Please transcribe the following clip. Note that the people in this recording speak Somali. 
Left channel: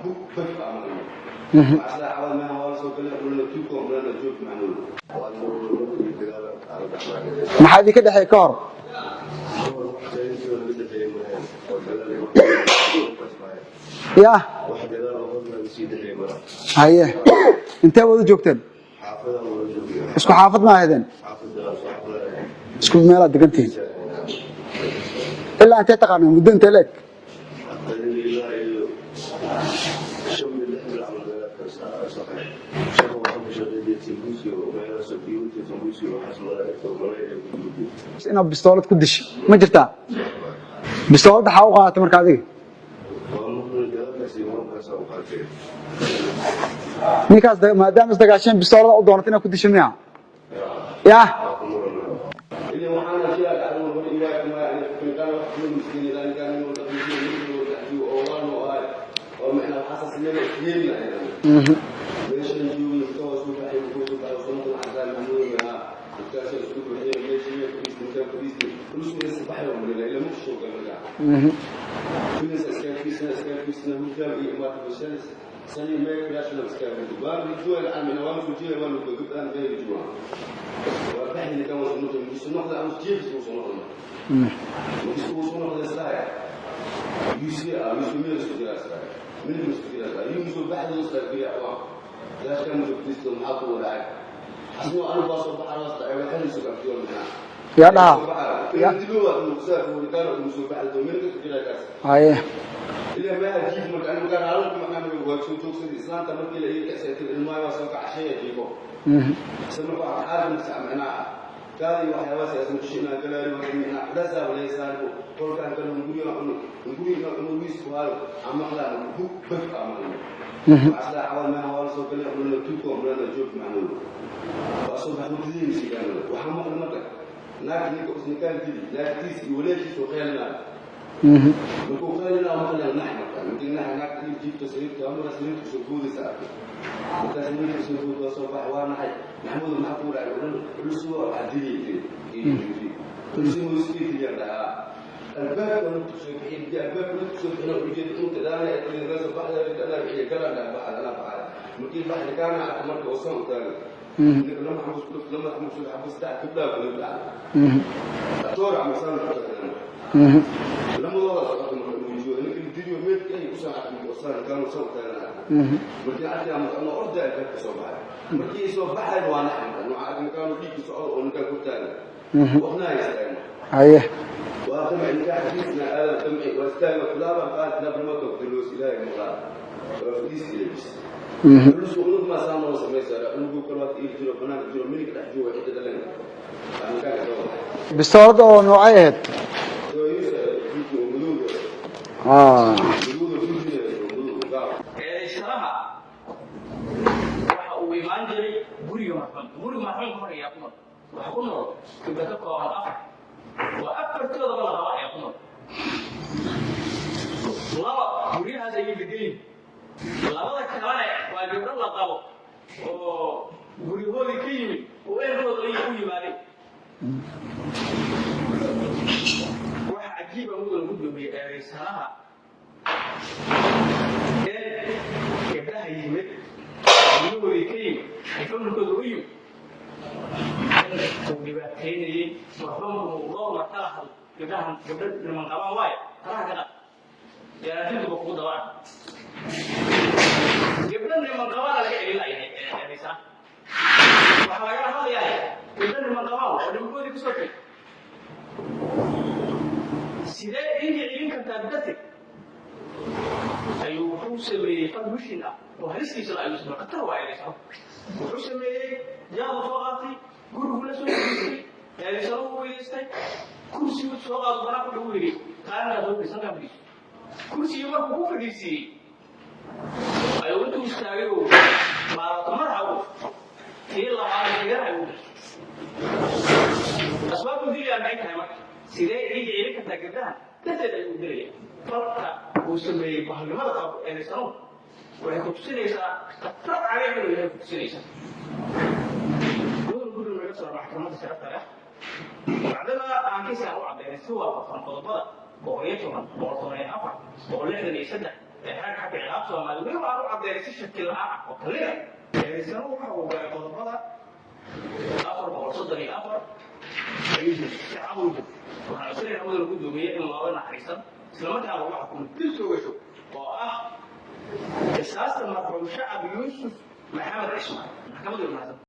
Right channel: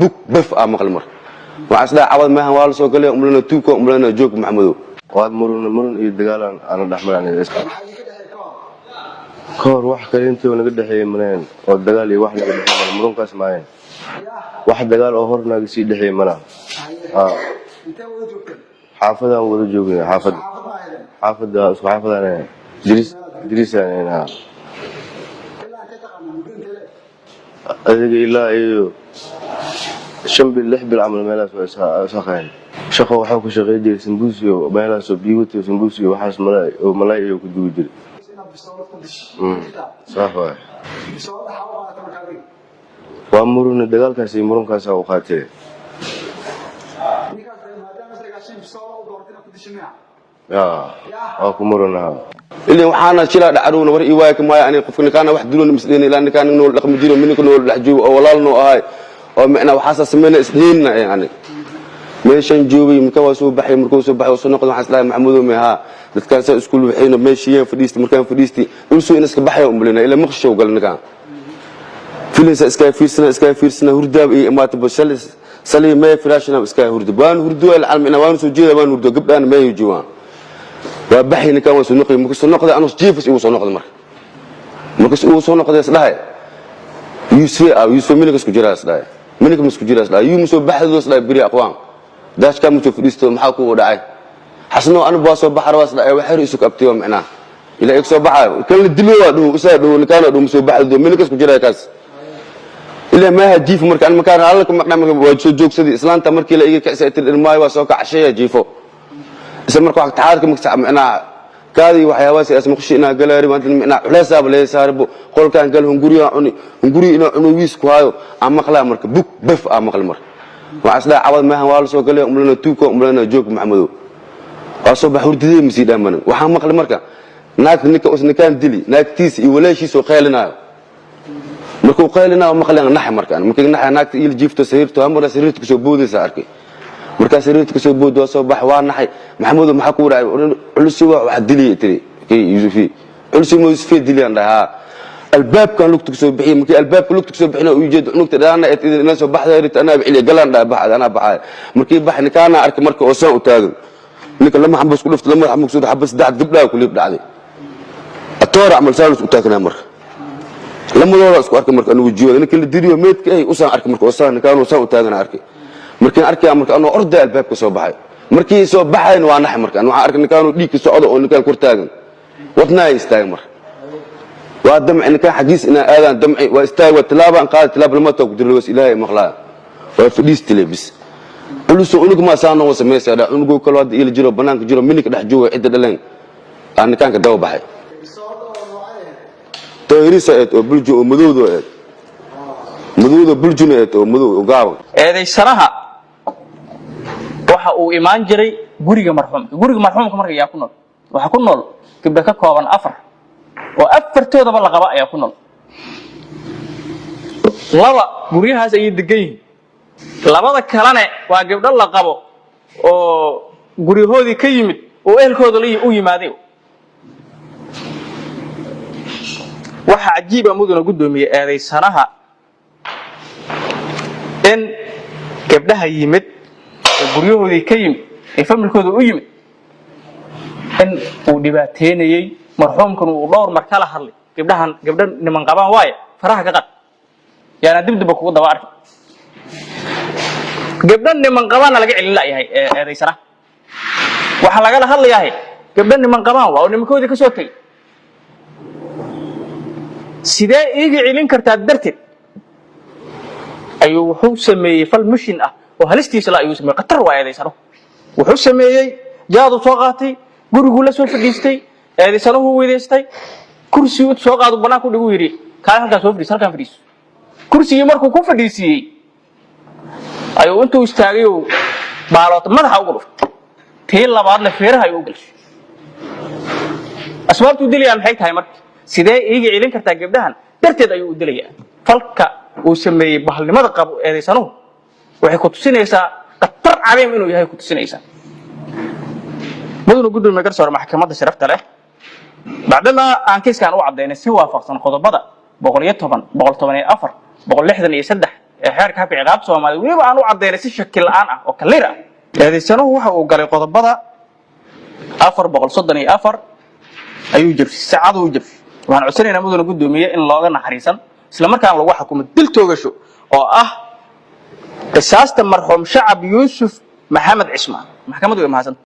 بوك بف مقل مر وعسلا عوض ما هو سو قال املنا توكو املنا جوك محمدو واد مرن iyo dagaal aan dhaxmaanay maxaa idin ka dhaxay koor wax kale intii wanaga dhaxay maneen oo dagaal iyo wax murankaas maayeen yaa wax dagaal oo hornaaga si dhaxay mana haye intee wada joogteen xaafadaan wada joogay xaafad ma ahaydeen xaafadaan isku meel aad degantihiin ilaa intee taqaanay muddo intee leeg adiga ilaa iyo شنبل لحب العمل مالاس وساقين شقة وحوك شقيدي سمبوسي ومالاس وبيوتي وسمبوسي وحاس ملاي وكدودي أنا بستولت كدش ما جرتها صافي بستولت حاوقة تمرك هذه وأمرون الدجال كاسي مرون كاسا وقاتي نيكاس ما دام استقاشين بستولت ودونتنا كدش منها يا أكو مرون اللي وحنا شلا دعرون وري وايك ما يعني قفنا كان واحد دلون مسلين لأن كان نقول رقم جيرو منك نقول لحجو ولا لنا هاي ومعنا وحاسس من سنين يعني ماشي نجوبي مكوسو بحي مركوسو بحي وصنقل حسلا محمود ومها دتكاسا اسكول وحين ماشيين فديستي مركان فديستي ولسو انسك بحي وملنا الى مخشو قالنا كان فيلس اسكاي فيرسنا هرداب اي ما تبسلس سلي ما فراشنا اسكاي هردبان هردو العالم انا وان سو جيدا وان هردو قبان ما يجوان وبحي نكان وصنقل مكسو نقد انا جيفس يوصل نقد مركس يوصل نقد اسلاي يوسف منك اسكو جراس لا منك مسكو جراس لا يوم سو بحث لا بري اقوام داش كان متو فديستو maxaa ku dhacay xasno aan baaso baxar waas la ay waxir isu qabtiyo macna ila soo baxay kala dilo waa dhuu isa dhuu kana dhuu soo baxdo minka isku jiraa kaas haye ila ma hajiif markaan makaan halka maqnamka waa soo joogsadii islaanta markii la iga kacsaytay ilmaay waa soo kacashaya jiifo isla markaa waqti xaadka maksa macna kaadi waxyaabaha sidaas maqshina galaari maanta macna culaysaab leey saarbo qolkaan gal hunguri ina cunugiis ku hayo ama qala marka buk baf maqal mar وعسلا عوض ما هو سو قال املنا توكو املنا جوك محمدو واسو بحوردي مسي دامن waxaa maqal marka naag ninka usna kan dili naagtiis iyo walaashiis oo qeylinayo markuu qeylinayo maqlan nax markaan markii nax naagta il jiifto sariirto amara sariirta ku soo boodaysa arkay marka sariirta ku soo boodo soo bax waa naxay maxamudu maxaa ku raay culus wax dili tiri yusufi culus ma yusufi dili andaha الباب كان لوقت كسو بحي مكي الباب كان لوقت كسو بحينا ويجد نقطة أنا الناس بحثها ريت أنا بعلي قلان ده بحث أنا بحث مكي بحني كان أرك مرك أوسان وتاجر لكن لما حبس كل فت لما حبس كل حبس دعت قبله وكل يبدأ عليه الطور عمل سالس وتاجر مرك لما لو رأسك أرك مرك أنا وجوه لأن كل الدنيا ميت كأي أوسان أرك مرك أوسان كان أوسان وتاجر أرك مركين أرك مرك أنا أرد الباب كسو بحي مركي سو بحي وأنا حمرك أنا أرك كانوا ديك سو عضو أو كان كرتاجر وطنا يستاجر مرك وادمع ان كان حديث ان اذان دمعي واستاي والتلابه ان قال تلاب لما تقدر له الهي مخلا وفديس تلبس بلسو انك ما سانو سميسا انغو كل واد الى جيرو بنانك جيرو منك دخ جوه عيد دلن ان كان كدو بخاي بستورد او نوعيد تغريسه او بلجو او مدودو مدودو بلجو او مدو او غاو eeday saraha waxa uu imaan jiray guriga marxuumka markay yaa ku nool waxa ku nool gabdha ka kooban afar oo afartoodaba la qaba ayaa ku nool laba guriyahaas ay degan labada kalena waa gabdho la qabo oo guriyahoodii ka yimid oo ehelkooda u yimaadeen waxa cajiib ah mudana gudoomiye eeday sanaha in gabdhaha yimid guriyahoodii ka yimid ay familkooda u yimid in uu dhibaateynayay marxuumkan uu dhowr mar kala hadlay gabdhan niman qabaan waay faraha ka qad yaana dibdib ku daba arkay gabdhan niman qabaan laga celin laayahay eedaysana waxa laga hadlayaa gabdhan niman qabaan waa nimankoodii ka soo tagay sidee iiga celin kartaa darteed ayuu wuxuu sameeyay fal mushin ah oo halistiisa la ayuu sameeyay qatar waa eedaysana wuxuu sameeyay jaadu soo qaatay gurigu la soo fadhiistay eedaysanahu weedeystay kursi uu soo qaado banaan ku dhigu yiri kaan halka soo fadhiis halkan fadhiis kursiga markuu ku fadhiisiyay ayuu intuu istaagay oo baalood madaxa ugu dhuftay tii labaadna feeraha ayuu gashay asbaabtu diliyaan maxay tahay markii sidee iiga celin kartaa gabdhahan darteed ayuu u dilayaa falka uu sameeyay bahalnimada qabo eedaysanuhu waxay ku tusinaysaa qatar caleem inuu yahay ku tusinaysaa mudana gudoomiye garsoor maxkamadda sharafta leh بعدما أنكيس كان وعدين سوى فقط قضبضة 110 114 163 xeerka habka ciqaabta Soomaaliya waliba aan u cadeynay si shakil la'aan ah oo kaliir ah eedeysanuhu waxa uu galay qodobada 434 ayuu jabsay saacad uu jabsay waxaan codsanaynaa mudane gudoomiye in looga naxariisan isla markaana lagu xukumo dil toogasho oo ah qisaasta marxuum Shacab Yuusuf Maxamed Cismaan maxkamaddu way mahadsan